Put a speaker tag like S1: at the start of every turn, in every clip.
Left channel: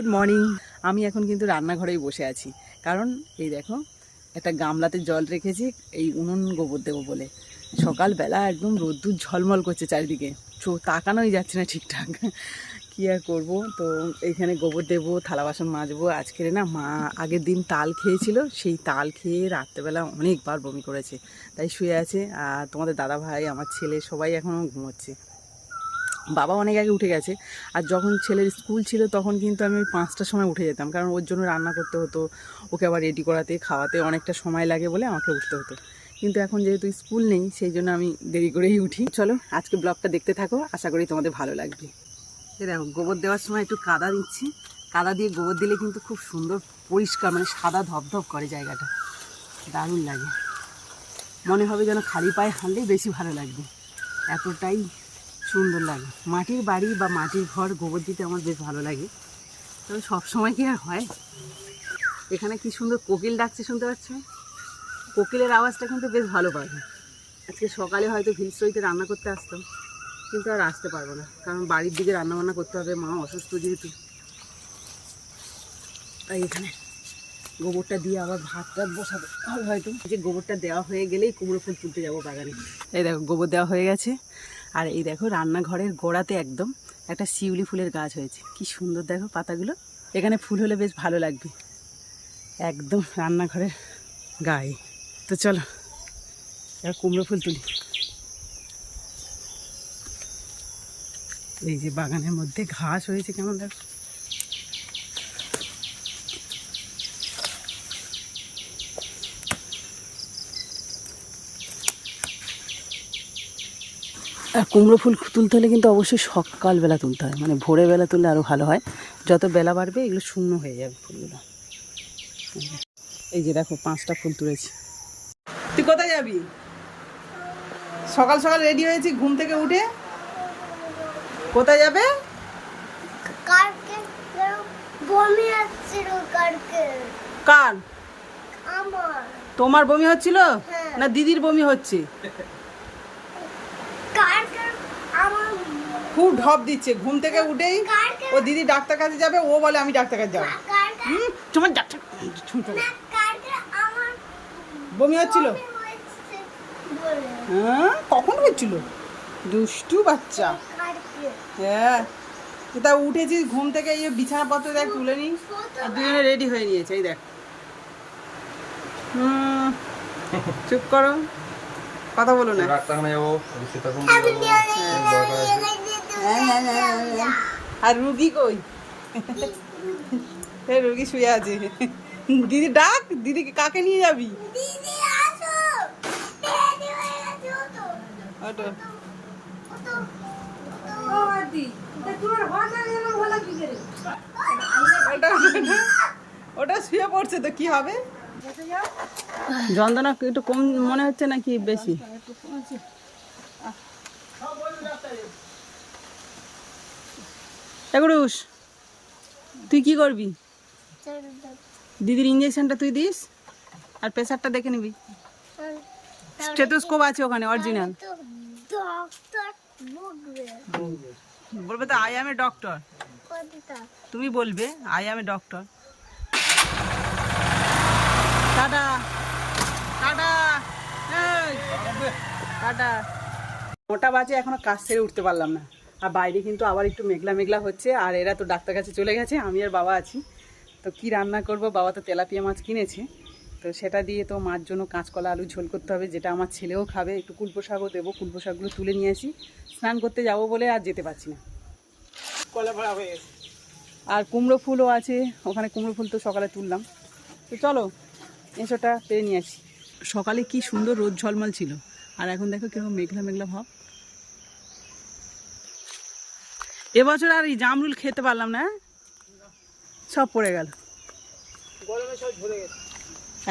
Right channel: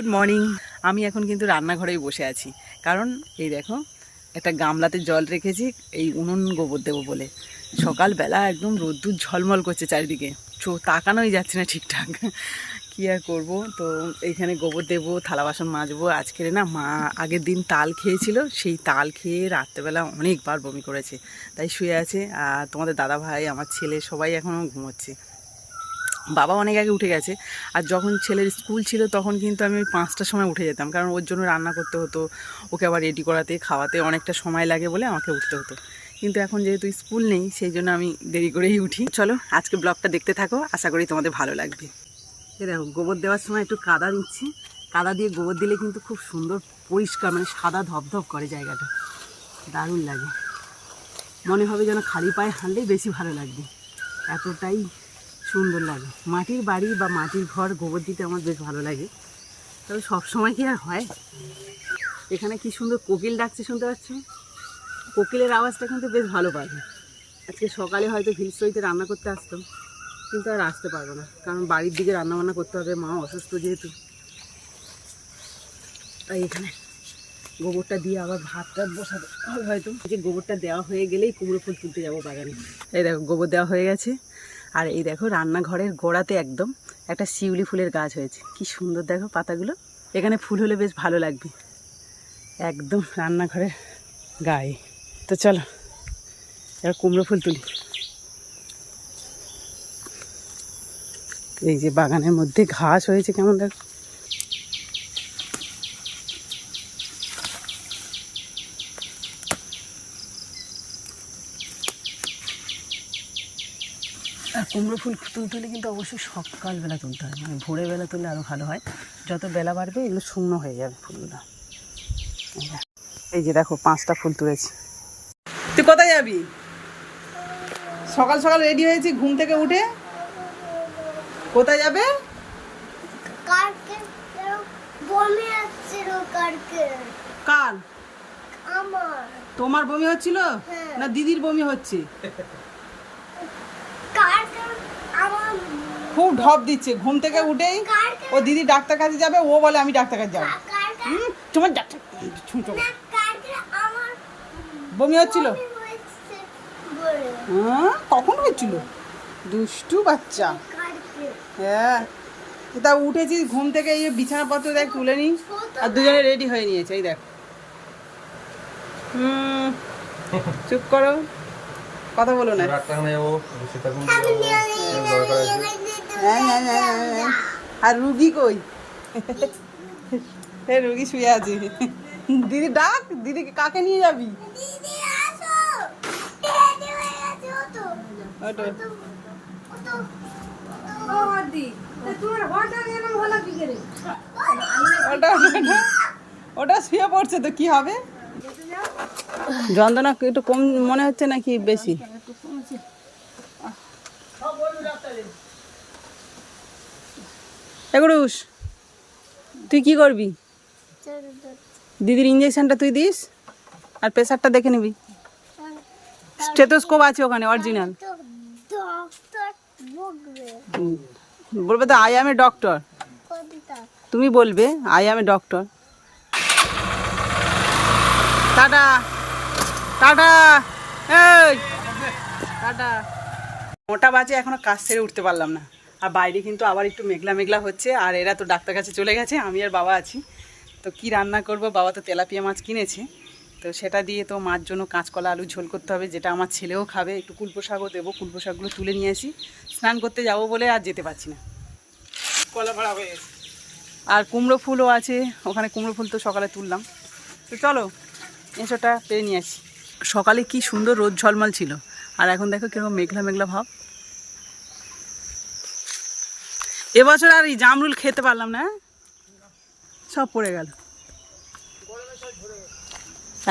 S1: Good morning আমি এখন কিন্তু রান্নাঘরেই বসে আছি। কারণ এই দেখো, একটা গামলাতে জল রেখেছি, এই উনুন গোবর দেবো বলে। সকালবেলা একদম রোদ্দুর ঝলমল করছে চারিদিকে। চো তাকানোই যাচ্ছে না ঠিকঠাক। কী আর করব? তো এইখানে গোবর দেবো, থালা বাসন মাজবো। আজকের না মা আগের দিন তাল খেয়েছিল, সেই তাল খেয়ে রাত্রেবেলা অনেকবার বমি করেছে। তাই শুয়ে আছে, আর তোমাদের দাদা ভাই আমার ছেলে সবাই এখনও ঘুমোচ্ছে। বাবা অনেক আগে উঠে গেছে। আর যখন ছেলের স্কুল ছিল তখন কিন্তু আমি ওই পাঁচটার সময় উঠে যেতাম। কারণ ওর জন্য রান্না করতে হতো, ওকে আবার রেডি করাতে, খাওয়াতে অনেকটা সময় লাগে বলে আমাকে উঠতে হতো। কিন্তু এখন যেহেতু স্কুল নেই, সেই জন্য আমি দেরি করেই উঠি। চলো, আজকে ব্লগটা দেখতে থাকো, আশা করি তোমাদের ভালো লাগবে। এ দেখো, গোবর দেওয়ার সময় একটু কাদা দিচ্ছি। কাদা দিয়ে গোবর দিলে কিন্তু খুব সুন্দর, পরিষ্কার মানে সাদা ধপধপ করে জায়গাটা। দারুণ লাগে। মনে হবে যেন খালি পায়ে হাঁটলেই বেশি ভালো লাগবে। এতটাই সুন্দর লাগে। মাটির বাড়ি বা মাটির ঘর, গোবর দিতে আমার বেশ ভালো লাগে। তবে সব সময় কি আর হয়? এখানে কি সুন্দর কোকিল ডাকছে শুনতে পাচ্ছ কোকিলের আওয়াজটা কিন্তু বেশ ভালো পাবে। আজকে সকালে হয়তো ভিলস্ট্রইতে রান্না করতে আসতাম, কিন্তু আর আসতে পারব না। কারণ বাড়ির দিকে রান্না বান্না করতে হবে, মা অসুস্থ যেহেতু। তাই এখানে গোবরটা দিয়ে আবার ভাত টাত বসাবে। হবে হয়তো যে গোবরটা দেওয়া হয়ে গেলেই কুমড়ো ফুল তুলতে যাব বাগানে। এই দেখো, গোবর দেওয়া হয়ে গেছে। আর এই দেখো রান্নাঘরের গোড়াতে একদম একটা শিউলি ফুলের গাছ হয়েছে। কি সুন্দর দেখো পাতাগুলো। এখানে ফুল হলে বেশ ভালো লাগবে। একদম রান্নাঘরের গায়ে। তো চলো, এবার কুমড়ো ফুল তুলি। এই যে বাগানের মধ্যে ঘাস হয়েছে কেমন দেখো। কুমড়ো ফুল তুলতে হলে কিন্তু অবশ্যই সকালবেলা তুলতে হয়। মানে ভোরের বেলা তুললে আরও ভালো হয়। যত বেলা বাড়বে এগুলো শুকনো হয়ে যাবে ফুলগুলো। এই যে দেখো পাঁচটা ফুল তুলেছি। তুই কোথায় যাবি? সকাল সকাল রেডি হয়েছি ঘুম থেকে উঠে। কোথায় যাবে? কার? তোমার বমি হচ্ছিল?
S2: হ্যাঁ।
S1: না দিদির বমি হচ্ছে? খুব ঢপ দিচ্ছে ঘুম থেকে উঠেই ও দিদি ডাক্তার কাছে যাবে ও বলে আমি ডাক্তার কাছে যাব। হুম তোমার ডাক্তার।
S2: না
S1: বমি হচ্ছিল? হ্যাঁ কখন হচ্ছিল? দুষ্টু বাচ্চা। হ্যাঁ তা উঠেছি ঘুম থেকে এই বিছানাপত্র দেখ তুলে নিই আর দুজনে রেডি হয়ে নিয়েছে এই দেখ। হুম চুপ করো। কথা বলো না। হ্যাঁ হ্যাঁ হ্যাঁ হ্যাঁ, হ্যাঁ। আর রুগী কই? এ রুগী শুয়ে আছে। দিদি ডাক দিদি কাকে নিয়ে যাবি?
S2: দিদি আসো। রেডি আছো তো
S1: ওটো ওটা ওটা ওটা শুয়ে পড়ছে তো কি হবে? যন্ত্রণা একটু কম মনে হচ্ছে নাকি বেশি? এগুড়ুস তুই কি করবি? দিদির ইঞ্জেকশনটা তুই দিস, আর প্রেশারটা দেখে নিবি। স্টেথোস্কোপ আছে ওখানে অরিজিনাল বলবে তো আই এ ডক্টর তুমি বলবে I a doctor tata. Tata. Tata. মোটা বাজে, এখনও কাজ সেরে উঠতে পারলাম না। আর বাইরে কিন্তু আবার একটু মেঘলা মেঘলা হচ্ছে আর এরা তো ডাক্তার কাছে চলে গেছে আমি আর বাবা আছি। তো কি রান্না করব? বাবা তো তেলাপিয়া মাছ কিনেছে। তো সেটা দিয়ে তো মার জন্য কাঁচকলা আলু ঝোল করতে হবে যেটা আমার ছেলেও খাবে। একটু কুলপো শাকও দেবো কুলপো শাকগুলো তুলে নিয়ে আসি। স্নান করতে যাব বলে আর যেতে পারছি না। কলা ভাড়া হয়ে গেছে। আর কুমড়ো ফুলও আছে ওখানে কুমড়ো ফুল তো সকালে তুললাম। তো চলো এসোটা পেয়ে নিয়ে আসি। সকালে কি সুন্দর রোদ ঝলমল ছিল। আর এখন দেখো কীরকম মেঘলা মেঘলা ভাব। এবছর আর এই জামরুল খেতে পারলাম না হ্যাঁ? সব পড়ে গেল।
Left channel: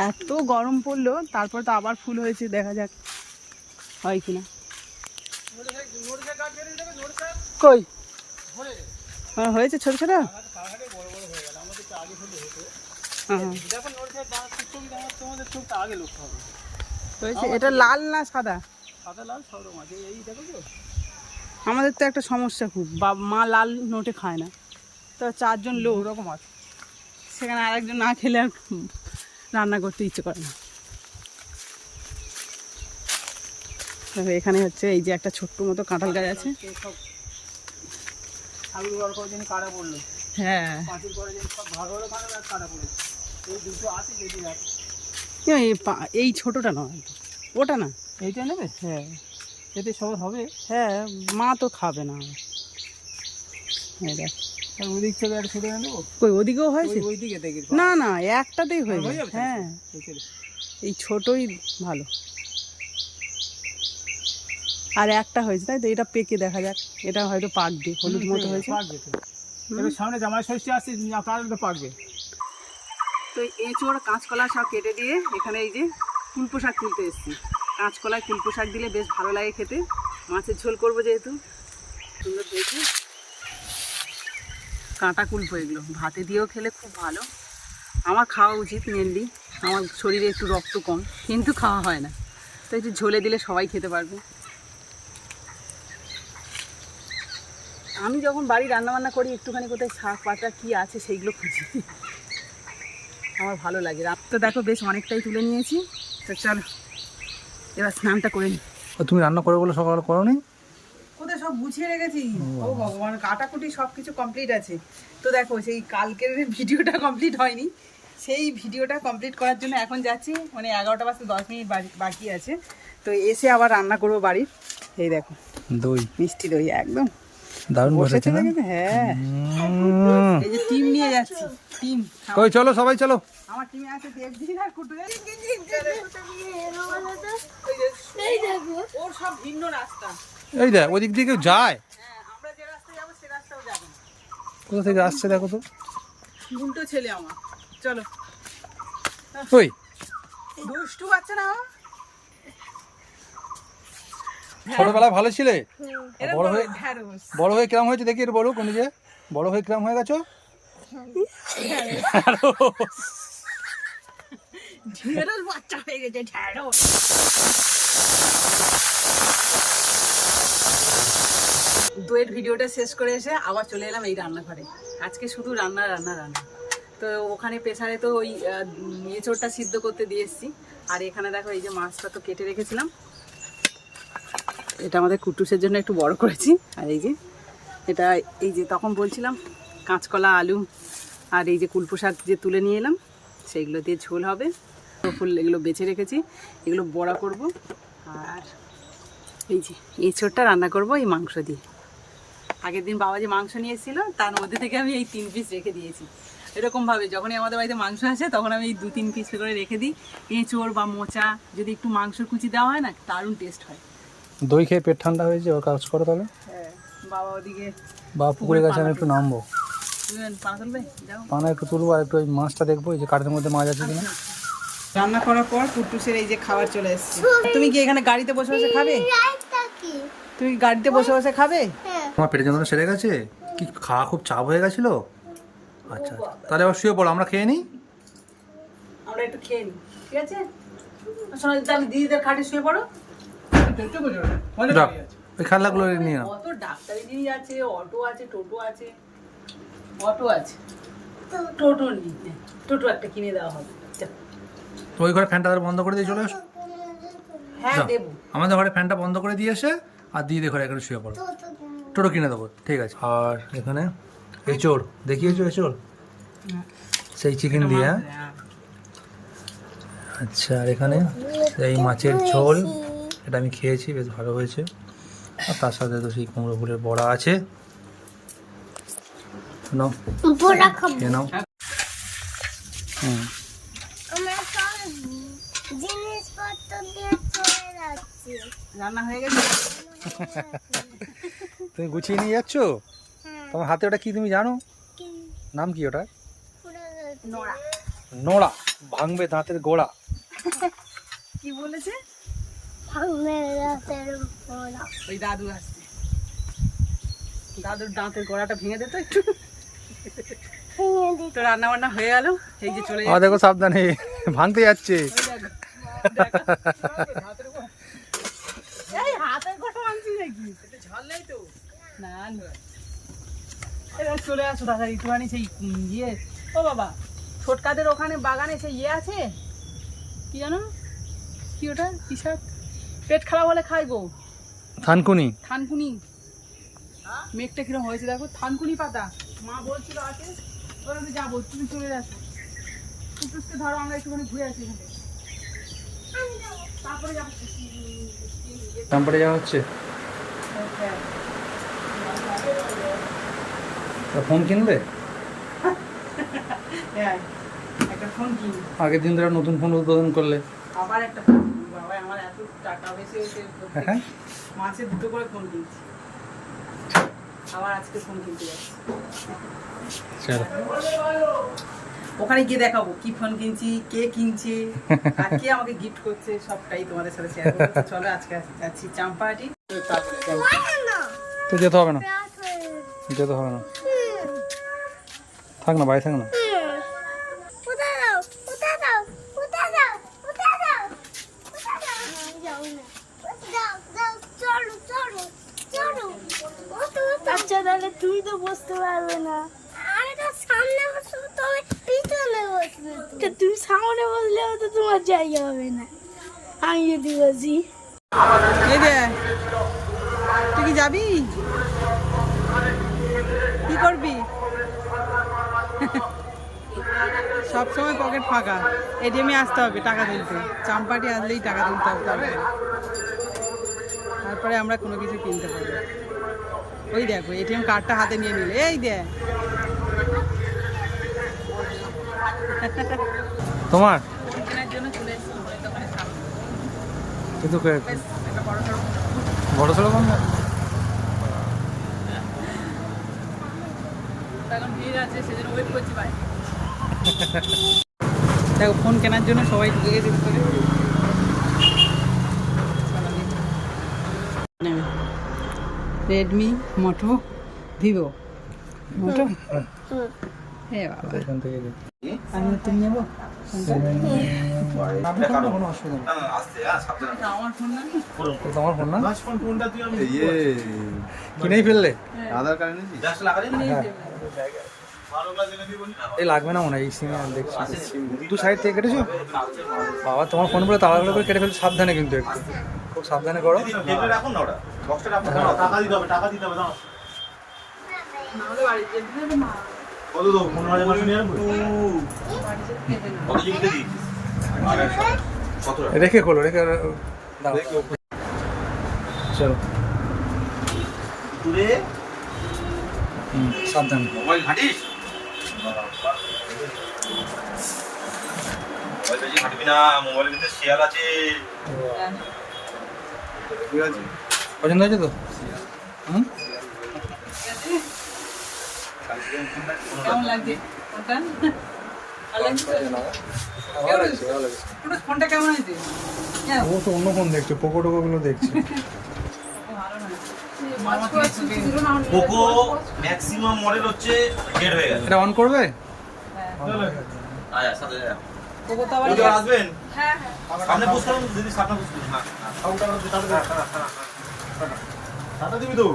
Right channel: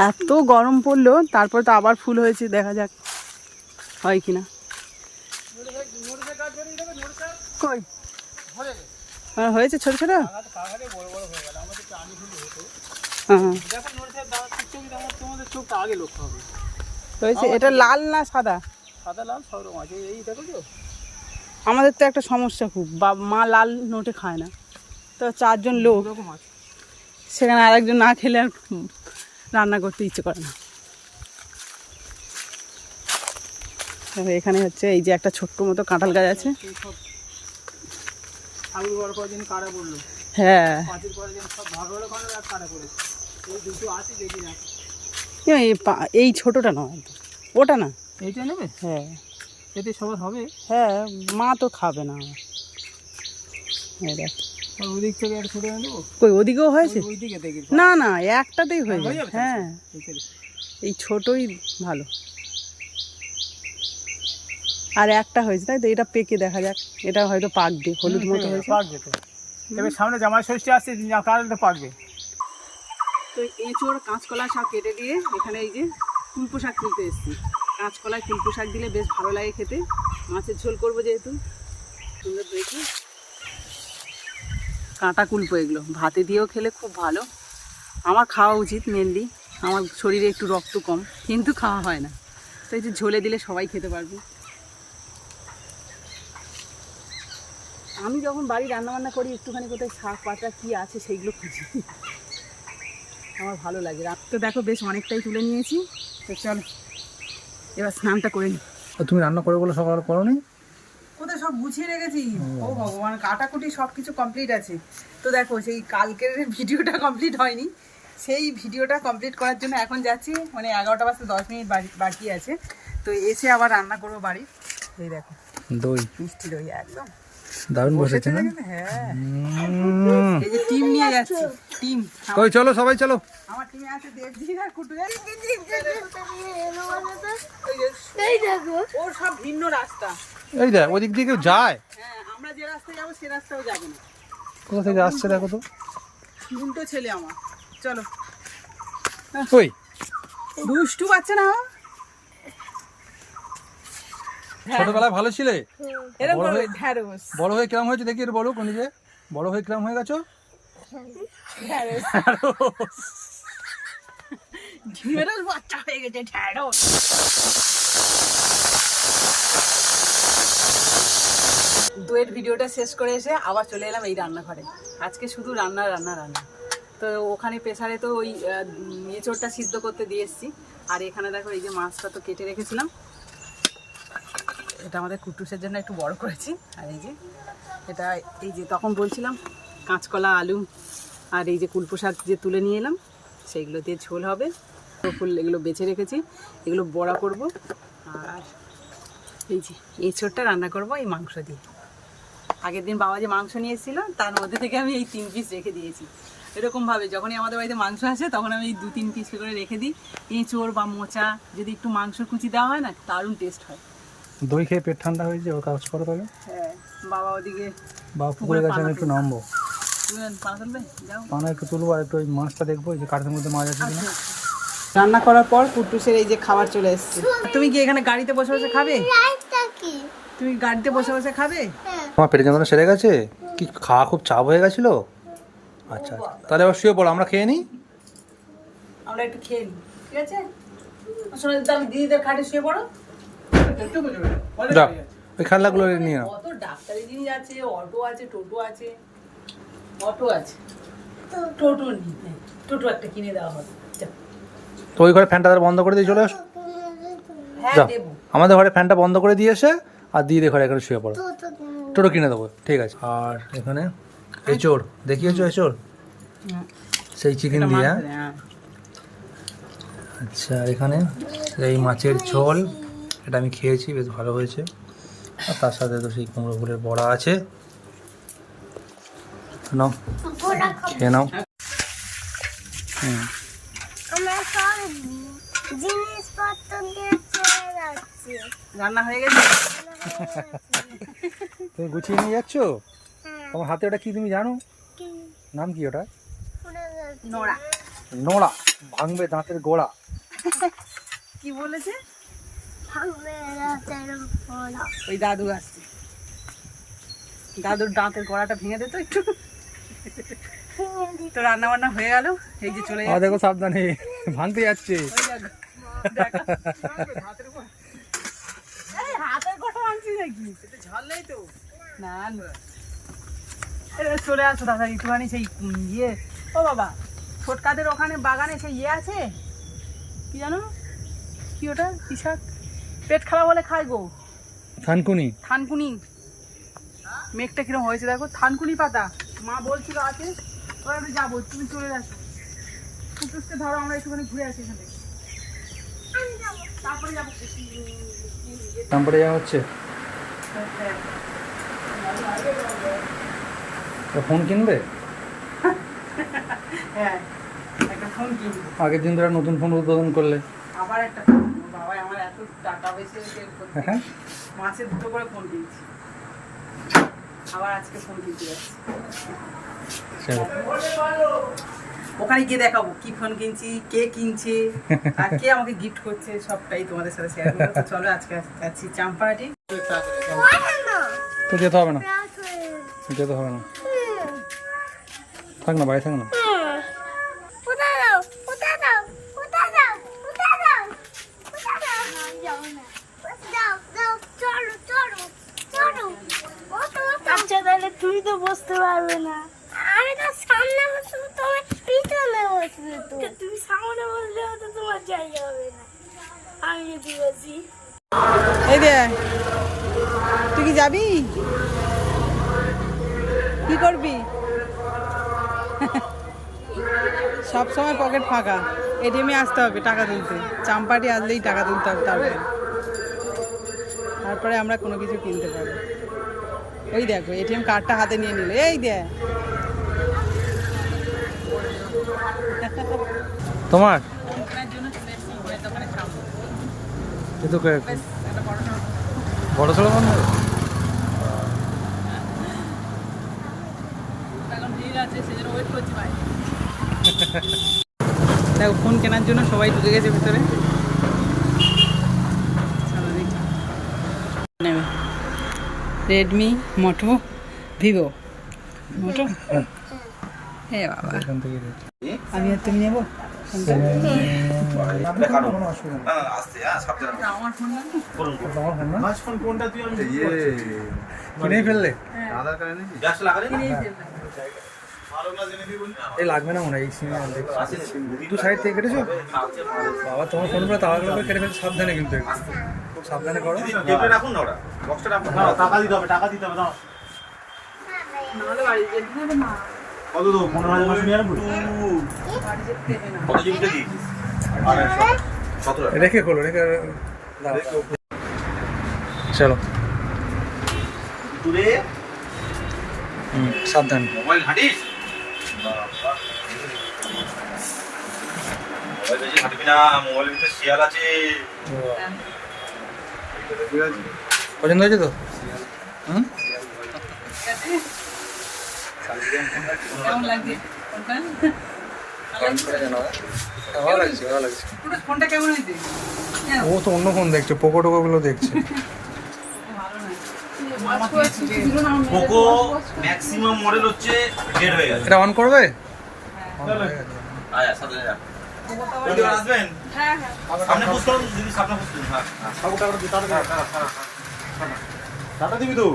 S1: এত গরম পড়ল, তারপর তো আবার ফুল হয়েছে, দেখা যাক হয় কিনা। কই? হ্যাঁ হয়েছে ছোট ছোট? হ্যাঁ এটা লাল না সাদা?
S3: সাদা লাল সব রকম আছে এই দেখো
S1: আমাদের তো একটা সমস্যা খুব। বা মা লাল নোটে খায় না। তো চারজন লোক
S3: ওরকম আছে
S1: সেখানে আরেকজন না খেলে আর রান্না করতে ইচ্ছে করে না। এখানে হচ্ছে এই যে একটা ছোট্ট মতো কাঁঠাল গাছ আছে।
S3: বলল?
S1: হ্যাঁ।
S3: এই
S1: ছোটটা নয়। ওটা না।
S3: এইটা নেবে?
S1: হ্যাঁ।
S3: এতে সবাই হবে।
S1: হ্যাঁ মা তো খাবে না। দেখ।
S3: ওদিক থেকে একটা ছোটো এনে
S1: কই ওদিকেও হয়েছে?
S3: ওই- ওই দেখি।
S1: না না একটাতেই হয়ে
S3: হয়ে যাবে
S1: হ্যাঁ।
S3: এই
S1: ছোটই ভালো। আর একটা হয়েছে তাই তো? এটা পেকে দেখা যাক। এটা হয়তো পাকবে হলুদ মতো হয়েছে।
S3: পাকবে তো। এবার সামনে জামাই ষষ্ঠী আসছে কাল তো পাকবে।
S1: তো এঁচোড় কাঁচকলা সব কেটে দিয়ে এখানে এই যে কুলপো শাক তুলতে এসেছি। কাঁচকলায় কুলপো শাক দিলে বেশ ভালো লাগে খেতে। মাছের ঝোল করব যেহেতু। সুন্দর দেখে কাঁটা কুলপো এগুলো। ভাতে দিয়েও খেলে খুব ভালো। আমার খাওয়া উচিত মেনলি আমার শরীরে একটু রক্ত কম, কিন্তু খাওয়া হয় না। তো এই যে ঝোলে দিলে সবাই খেতে পারবে। আমি যখন বাড়ি রান্নাবান্না করি, একটুখানি কোথায় শাক পাতা কী আছে সেইগুলো খুঁজি। আমার ভালো লাগে। রাত তো দেখো, বেশ অনেকটাই তুলে নিয়েছি। তো চলো। এবার স্নানটা করে নিই
S3: তুমি রান্না করে বলে সকাল করো নি
S1: কোথায় সব গুছিয়ে রেখেছি? ও ভগবান কাটাকুটি সব কিছু কমপ্লিট আছে। তো দেখো সেই কালকের ভিডিওটা কমপ্লিট হয়নি। সেই ভিডিওটা কমপ্লিট করার জন্য এখন যাচ্ছি। মানে এগারোটা বাজতে দশ মিনিট বাকি- আছে। তো এসে আবার রান্না করব বাড়ির। এই দেখো
S3: দই।
S1: মিষ্টি দই একদম।
S3: দারুণ বসেছে না?
S1: হ্যাঁ। এই যে টিম নিয়ে যাচ্ছি টিম।
S3: কই চলো সবাই চলো।
S1: আমার টিমে আছে আর
S2: এই
S1: এই
S2: দেখো।
S1: ওর সব ভিন্ন রাস্তা।
S3: এই দেখ ওদিক দিয়ে কেউ যায়?
S1: হ্যাঁ আমরা যে রাস্তায় যাব সে রাস্তাও যাবে না।
S3: কোথা থেকে আসছে দেখো তো?
S1: উল্টো ছেলে আমার। চলো।
S3: ওই
S1: দুষ্টু বাচ্চা না আমার?
S3: ছোটবেলায় ভালো ছিলে? বড় হয়ে। বড় হয়ে কিরম হয়েছে? দেখি একটু বলো কোন যে। বড় হয়ে কিরম হয়ে গেছো?
S1: ঢ্যাঁড়স বাচ্চা হয়ে গেছে ঢ্যাঁড়স। দইয়ের ভিডিওটা শেষ করে এসে আবার চলে এলাম এই রান্নাঘরে। আজকে শুধু রান্না রান্না রান্না। তো ওখানে প্রেসারে তো ওই এঁচোড়টা সিদ্ধ করতে দিয়ে এসেছি। আর এখানে দেখো এই যে মাছটা তো কেটে রেখেছিলাম। এটা আমাদের কুটুসের জন্য একটু বড় করেছি। আর এই যে, এটা এই যে তখন বলছিলাম, কাঁচকলা, আলু, আর এই যে কুলপো শাক যে তুলে নিয়ে এলাম, সেইগুলো দিয়ে ঝোল হবে। ফুল এগুলো বেছে রেখেছি এগুলো বড়া করব আর এই যে এঁচোড়টা রান্না করব এই মাংস দিয়ে। আগের দিন বাবা যে মাংস নিয়ে এসেছিল তার মধ্যে থেকে আমি এই তিন পিস রেখে দিয়েছি। এরকমভাবে যখনই আমাদের বাড়িতে মাংস আসে তখন আমি এই দু তিন পিস করে রেখে দিই। এঁচোড় বা মোচা যদি একটু মাংসর কুচি দেওয়া হয় না দারুণ টেস্ট হয়।
S3: দই খেয়ে পেট ঠান্ডা হয়েছে ও কাজ করো তাহলে।
S1: হ্যাঁ বাবা ওদিকে
S3: বা পুকুরে গেছে আমি একটু নামবো।
S1: পানা
S3: একটু তুলবো আর একটু ওই মাছটা দেখব এই যে কাঠের মধ্যে মাছ আছে কিনা।
S1: রান্না করার পর কুট্টুসের এই যে খাবার চলে এসেছে। তুমি কি এখানে গাড়িতে বসে বসে খাবে? তুমি গাড়িতে বসে বসে খাবে?
S2: হ্যাঁ।
S3: তোমার পেটের যন্ত্রণা সেরে গেছে? কি খাওয়া খুব চাপ হয়ে গেছিল? আচ্ছা আচ্ছা। তাহলে আবার শুয়ে পড়ো আমরা খেয়ে নিই?
S1: আমরা একটু খেয়ে নিই ঠিক আছে? শোনো তাহলে দিদিদের খাটে শুয়ে পড়ো।
S3: যাও ওই খেলাগুলো নিয়ে নাও।
S1: কত ডাক্তারি জিনিস আছে অটো আছে টোটো আছে। অটো আছে। টোটো। নিতে টোটো একটা কিনে দেওয়া হবে।
S3: তো ওই ঘরে ফ্যানটা বন্ধ করে দিয়ে চলে আসো।
S1: হ্যাঁ
S3: যাও আমাদের ঘরে ফ্যানটা বন্ধ করে দিয়ে এসে আর দিদির ঘরে এখানে শুয়ে পড়ো। টোটো কিনে দেবো ঠিক আছে। আর এখানে এচোর দেখিয়েছো এচোর সেই চিকেন দিয়ে হ্যাঁ?
S1: হ্যাঁ
S3: আচ্ছা আর এখানে এই মাছের ঝোল এটা আমি খেয়েছি বেশ ভালো হয়েছে। আর তার সাথে তো সেই কুমড়ো ফুলের বড়া আছে। নাও খেয়ে নাও। হুম।
S2: জিনিসপত্র দিয়ে চলে যাচ্ছে।
S1: রান্না হয়ে গেছে?
S3: তুমি গুছিয়ে নিয়ে যাচ্ছ?
S2: হ্যাঁ।
S3: তোমার হাতে ওটা কি তুমি জানো? নাম কি ওটা
S1: নোড়া।
S3: নোড়া ভাঙবে দাঁতের গোড়া।
S1: কি বলেছে?
S2: ভাঙবে রাতের পোড়া
S1: ওই দাদু আসছে। দাদুর দাঁতের গোড়াটা ভেঙে দিত একটু।
S2: ভেঙে দিতে
S1: তো রান্না বান্না হয়ে গেল। এই যে চলে যাচ্ছে।
S3: দেখো সাবধানে ভাঙতে যাচ্ছে।
S1: ওই দেখো, দেখো। এই হাতের কথা ভাঙছি নাকি? ঝাল নেই তো না না চলে আসো দাদা একটুখানি সেই ইয়ে। ও বাবা ছোটকাদের ওখানে বাগানে সেই ইয়ে আছে? কি জানো? কি ওটা? কি শাক? পেট খারাপ হলে খাই গো।
S3: থানকুনি।
S1: থানকুনি। মেঘটা কিরম হয়েছে দেখো থানকুনি পাতা। মা বলছিল আছে ওরা আমি যাব তুমি চলে আসো। কুটুসকে ধরো আমরা একটুখানি ঘুরে আসি এখানে তারপরে যাব।
S3: তারপরে যাওয়া হচ্ছে? ফোন কিনবে?
S1: হ্যাঁ একটা ফোন কিনবো।
S3: আগের দিন ধরে নতুন ফোন উদ্বোধন করলে।
S1: আবার একটা ফোন বাবা আমার এত টাকা বেশি হয়েছে।
S3: হ্যাঁ
S1: মাসে দুটো করে ফোন কিনছি। আবার আজকে ফোন কিনতে যাচ্ছি। ওখানে গিয়ে দেখাবো কি ফোন কিনছি কে কিনছে আর কে আমাকে গিফট করছে সবটাই তোমাদের সাথে শেয়ার করব। চলো আজকে যাচ্ছি চাম্পাহাটি।
S3: তো যেতে হবে না। যেতে হবে না। থাক না বাড়ি থাক না
S2: হুম। কোথায় যাও? কোথায় যাও? কোথায় যাও? কোথায় যাও? কোথায় যাও? না, যাও না। যাও, যাও, চলো, চলো, চলো। ওঠো,
S4: তাহলে তুই তো বসতে পারবে না।
S2: আরে তো সামনে বসবে তুমি পিছনে বসবে তো।
S4: তুমি সামনে বসলেও তো তোমার জায়গা হবে না। আমি যদি বসি।
S1: এই রে তুই কি যাবি? কি করবি? সব সময় পকেট ফাঁকা। এটিএমে আসতে হবে টাকা তুলতে। চাম্পাটি আসলেই টাকা তুলতে হবে তারপরে তারপরে আমরা কোনো কিছু কিনতে পারব। ওই দেখো এটিএম কার্ডটা হাতে নিয়ে নিলে। এই দেখ।
S3: তোমার?
S1: ফোন কেনার জন্য চলে এসেছি ফোনের দোকানের সামনে।
S3: কিন্তু
S1: একটা বড় সড়ো ফোন।
S3: বড় সড়ো ফোন? নেবে
S1: এখন ভিড় আছে সেজন্য ওয়েট করছি বাইরে। দেখো ফোন কেনার জন্য সবাই ঢুকে গেছে ভিতরে। চলো দেখি। নেবে রেডমি মোটো ভিভো মোটো হে বাবা। আমি আর তুমি নেব?
S3: কিনেই ফেললে।
S1: দেবে।
S3: এই লাগবে না মনে হয় এই সিমে দেখছি। দু সাইড থেকে কেটেছো? বাবা তোমার ফোন করে তাড়াতাড়ি করে কেটে ফেলছে সাবধানে কিন্তু একটু। খুব সাবধানে করো।
S5: রাখুন না ওরা। বক্সটা রাখুন। টাকা দিতে হবে টাকা দিতে হবে দাও। কত পনেরো হাজার মাসে নিয়ে আসব
S1: না।
S3: রেখে খোলো রেখে চলো। হুম সাবধান।
S5: মোবাইল ঘাঁটিস? মোবাইল না মোবাইলের ভিতরে শিয়াল আছে।
S3: পছন্দ হয়েছে তো? হুম? ও তো অন্য ফোন দেখছে পোকো টোকো গুলো দেখছে।
S5: পোকো ম্যাক্সিমাম মডেল হচ্ছে
S3: এটা অন করবে?
S5: আয়া আসবেন?
S1: হ্যাঁ, হ্যাঁ।
S5: সামনে করুন দিদি সামনে করুন হ্যাঁ টাকা দিবি তো?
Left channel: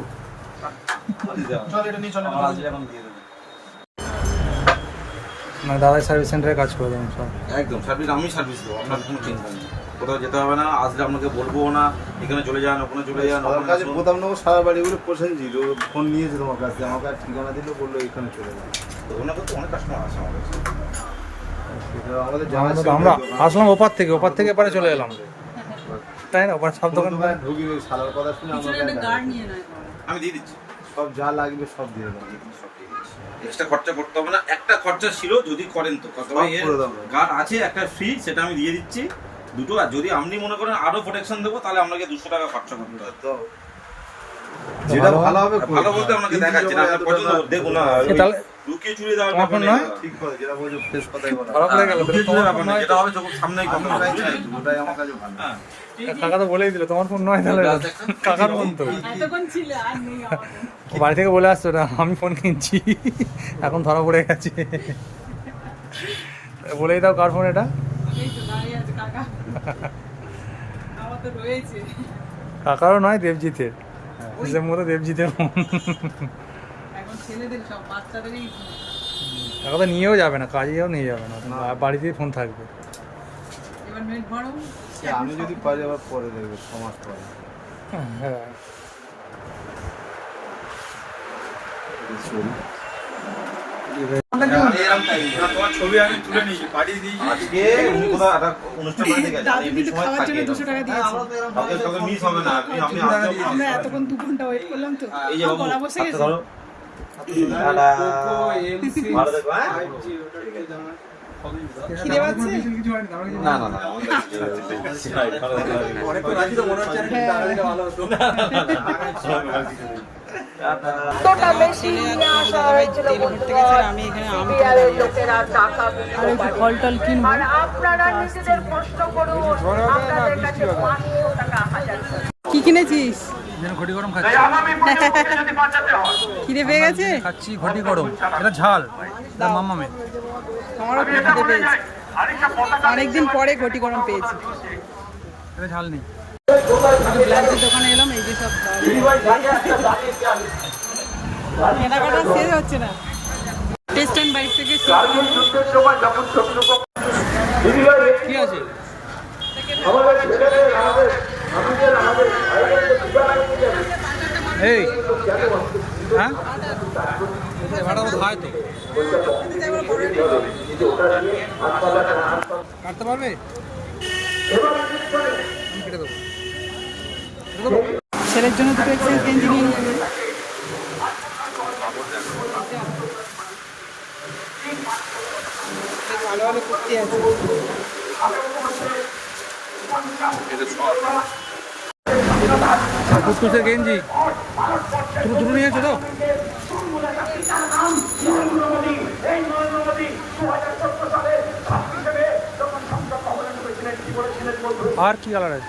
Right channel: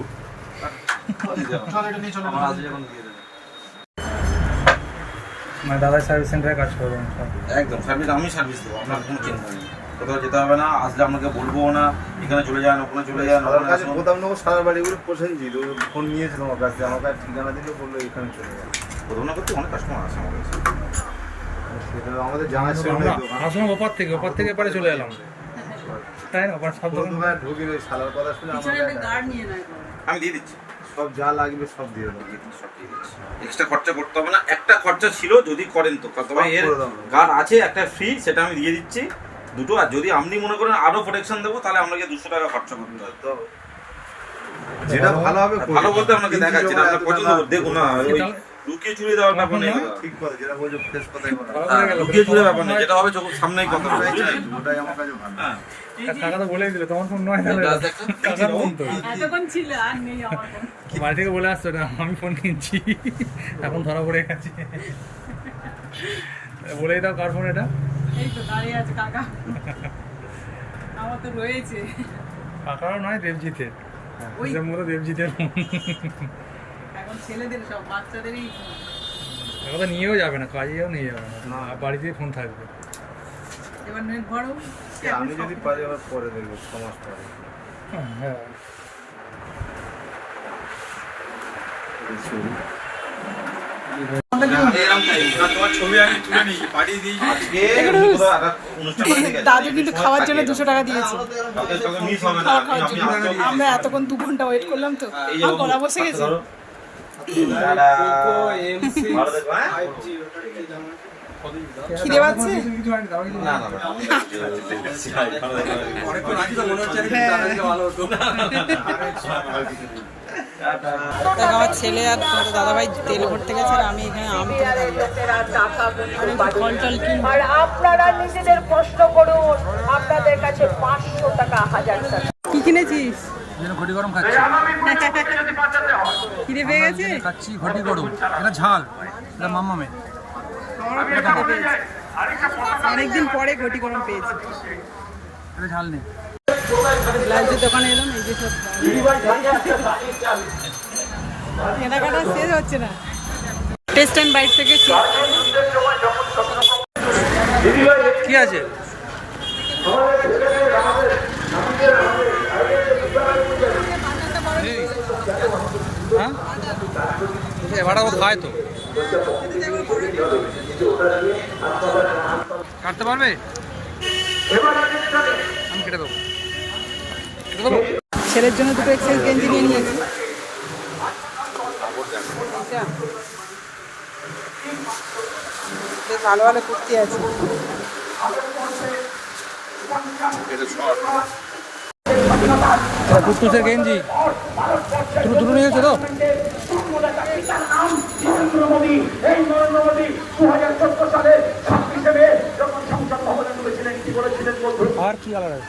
S3: মানে দাদাই সার্ভিস সেন্টারে কাজ করে দেবেন সব?
S5: একদম সার্ভিস আমি সার্ভিস দেবো আপনার কোনো চিন্তা নেই। কোথাও যেতে হবে না আসলে আপনাকে বলব না এখানে চলে যান ওখানে চলে যান
S6: আমার
S5: ওখানে
S6: কাছে
S5: আসুন।
S6: বোতাম নেব সারা বাড়িগুলো পছন্দ ফোন নিয়েছে তোমার কাছে আমাকে ঠিকানা দিল বলল এখানে চলে যাবে
S5: প্রথম না করতে অনেক কাস্টমার আছে আমার কাছে।
S3: আমরা। আসলাম ওপার থেকে ওপার থেকে এপারে চলে এলাম। তাই না? ওপার সব দোকান
S6: ঢুকি ওই শালার কথা শুনে
S1: একটা
S6: আমাকে
S1: গার্ড নিয়ে নেয়
S5: আমি দিয়ে দিচ্ছি।
S6: সব যা লাগবে সব দিয়ে দেবো।
S5: এক্সট্রা খরচা করতে হবে না। একটা খরচা ছিল যদি করেন তো। তবে এর গার্ড আছে একটা ফ্রি সেটা আমি দিয়ে দিচ্ছি। দুটো আর যদি আপনি মনে করেন আরও প্রোটেকশন দেবো তাহলে আপনাকে দুশো টাকা খরচা করতে হবে।
S6: তো যেটা ভালো হবে
S5: ভালো করতে। আপনাকে দেখাচ্ছি না দেখুন না। লুকিয়ে চুরিয়ে দেওয়ার ব্যাপার নেই
S6: ঠিক কথা যেটা বলছো ফ্রেশ কথাই বলো।
S3: ভালো করে গেল
S5: লুকিয়ে চুরিয়ে ব্যাপার
S3: ফোন
S5: যেটা হবে চোখ সামনেই কথা।
S6: ওটাই আমার কাছে ভালো।
S5: হ্যাঁ।
S3: কাকা তো বলেই দিলে তোমার ফোন নয় তাহলে। কাকার ফোন তো
S1: এতক্ষণ ছিল আর নেই আমার ফোন।
S3: ও বাড়ি থেকে বলে আসছো না আমি ফোন কিনছি। এখন ধরা পড়ে গেছে। বলেই দাও কার ফোন এটা।
S1: এই তো দাঁড়িয়ে আছে কাকা। আমার তো রয়েছে।
S3: কাকারও নয় দেবজিতের। দেবজিতের ফোন
S1: ছেলেদের সব বাচ্চাদেরই
S3: এখন তো নিয়েও যাবে না কাজেও নিয়ে যাবে না বাড়িতেই ফোন থাকবে।
S1: এবার নেট ভরো
S6: আমি যদি পারি এবার পরে দেখবে সমাজ
S3: হ্যাঁ
S5: বাড়িতে গেছে।
S1: দাদু কিন্তু খাওয়ার জন্য দুশো টাকা দিয়েছে। খাওয়া খাওয়ার জন্য। আমরা এতক্ষণ দু ঘণ্টা ওয়েট করলাম তো। গলা বসে গেছে। খিদে পাচ্ছে?
S5: না, না, না।
S1: দেখ আমার ছেলে আর তোমাদের দাদাভাই তেল ভরতে গেছে আর আমি এখানে আম কিনে দাঁড়িয়ে আছি। আমি একটু ফল টল কিনবো কি কিনেছিস?
S3: ঘটি গরম খাচ্ছি।
S1: খিদে পেয়ে গেছে?
S3: খাচ্ছি ঘটি গরম। এটা ঝাল। এটা মাম্মামের
S1: আমারও খিদে পেয়েছে। অনেকদিন পরে ঘটি গরম পেয়েছি।
S3: এটা ঝাল নেই।
S1: একটা ব্লাউজের দোকানে এলাম এই যে সব কেনাকাটা শেষ হচ্ছে না। টেস্ট অ্যান্ড বাইট থেকে
S3: কি আছে? এই হ্যাঁ? ও খায় তো। কাটতে পারবে? আমি কেটে দেবো। কেটে দেবো?
S1: ছেলের জন্য দুটো এক্সারসাইজ গেঞ্জি নিয়ে নিয়েছি বেশ ভালো ভালো কুর্তি আছে।
S3: এটা কুটকুসের গেঞ্জি। দুটো দুটো নিয়েছো তো। আর কি কালার আছে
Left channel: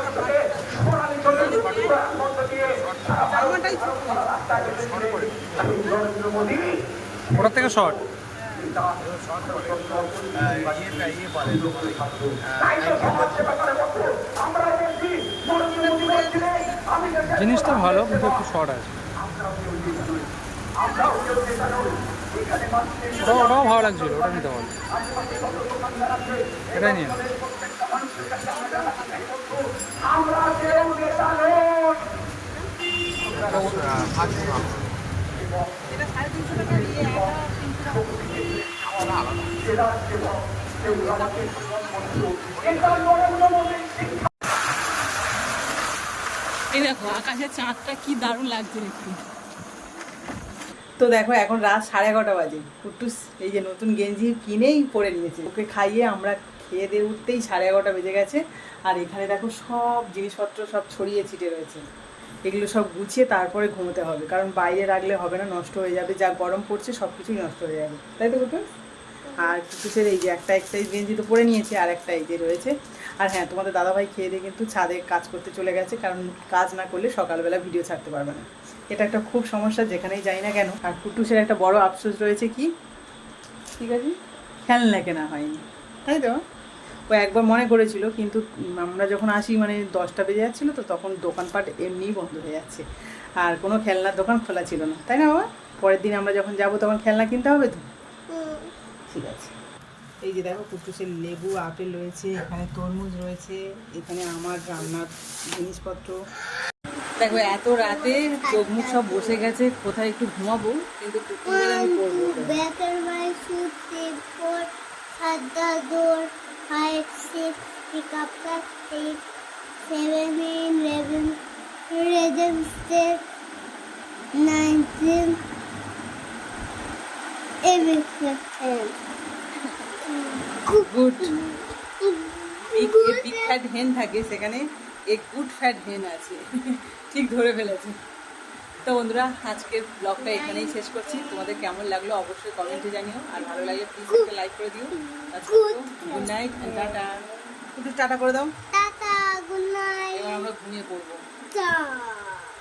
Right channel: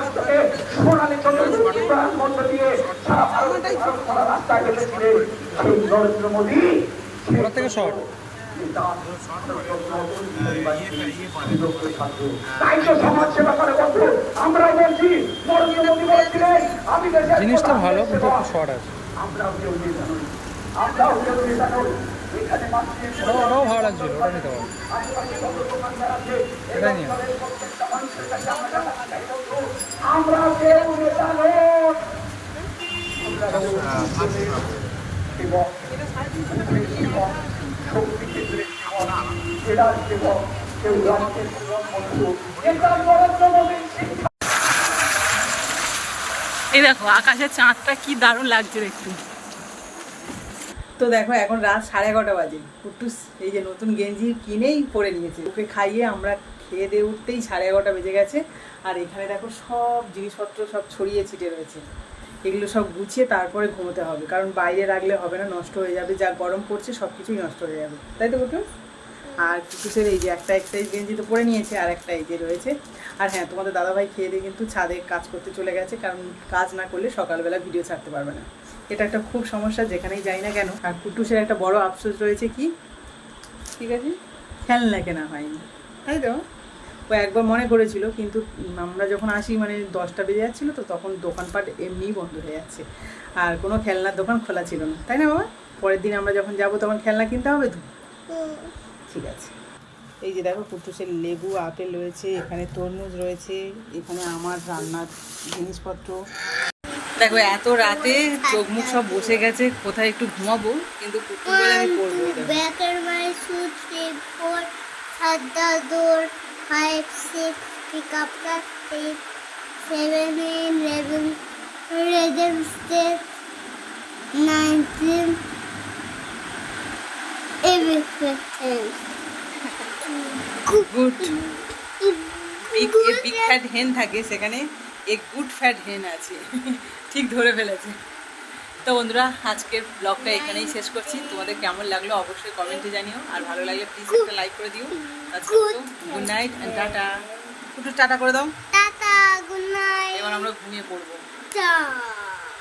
S3: থেকে শর্ট জিনিসটা ভালো, কিন্তু একটু শর্ট আছে। ওটাও ভালো লাগছিল, ওটা নিতে পারো। এটাই নিয়ে
S1: এই দেখো, আকাশের চাঁদটা কি দারুণ লাগছে দেখতে। তো দেখো, এখন রাত সাড়ে এগারোটা বাজে। কুট্টুস এই যে নতুন গেঞ্জি কিনেই পরে নিয়েছে। ওকে খাইয়ে আমরা খেয়ে দিয়ে উঠতেই সাড়ে এগারোটা বেজে গেছে। আর এখানে দেখো সব জিনিসপত্র সব ছড়িয়ে ছিটে রয়েছে। এগুলো সব গুছিয়ে তারপরে ঘুমোতে হবে। কারণ বাইরে রাখলে হবে না, নষ্ট হয়ে যাবে। যা গরম পড়ছে সব কিছুই নষ্ট হয়ে যাবে। তাই তো কুটুস আর কুটুসের এই যে একটা এক্সারসাইজ গেঞ্জি তো পরে নিয়েছে, আর একটা এই যে রয়েছে। আর হ্যাঁ তোমাদের দাদাভাই খেয়ে দিয়ে কিন্তু ছাদে কাজ করতে চলে গেছে। কারণ কাজ না করলে সকালবেলা ভিডিও ছাড়তে পারবে না। এটা একটা খুব সমস্যা, যেখানেই যাই না কেন। আর কুটুসের একটা বড় আফসোস রয়েছে কি? ঠিক আছে? খেলনা কেনা হয়নি। তাই তো? ও একবার মনে করেছিল, কিন্তু আমরা যখন আসি মানে দশটা বেজে যাচ্ছিল তো, তখন দোকানপাট এমনিই বন্ধ হয়ে যাচ্ছে। আর কোনো খেলনার দোকান খোলা ছিল না। তাই না, বাবা? পরের দিন আমরা যখন যাব, তখন খেলনা কিনতে হবে তো? ঠিক আছে। এই যে দেখো, কুটুসের লেবু, আপেল রয়েছে, এখানে তরমুজ রয়েছে, এখানে আমার রান্নার জিনিসপত্র। দেখো, এত রাতে চোখ মুখ সব বসে গেছে, কোথায় একটু ঘুমাবো, কিন্তু বলে আমি করব
S2: five, six, pick up the six, seven, eight, eleven, registered 19 everything.
S1: Good big big fat hen থাকে সেখানে এ গুড ফ্যাট হেন আছে ঠিক ধরে ফেলেছে তো বন্ধুরা আজকের ব্লগটা এখানেই শেষ করছি। তোমাদের কেমন লাগল অবশ্যই কমেন্টে জানিও। আর ভালো লাগলে প্লিজ একটা লাইক করে দিও। আজকে গুড নাইট অ্যান্ড টাটা একটু টাটা করে দাও।
S2: টাটা গুড নাইট
S1: এবার আমরা ঘুমিয়ে পড়ব.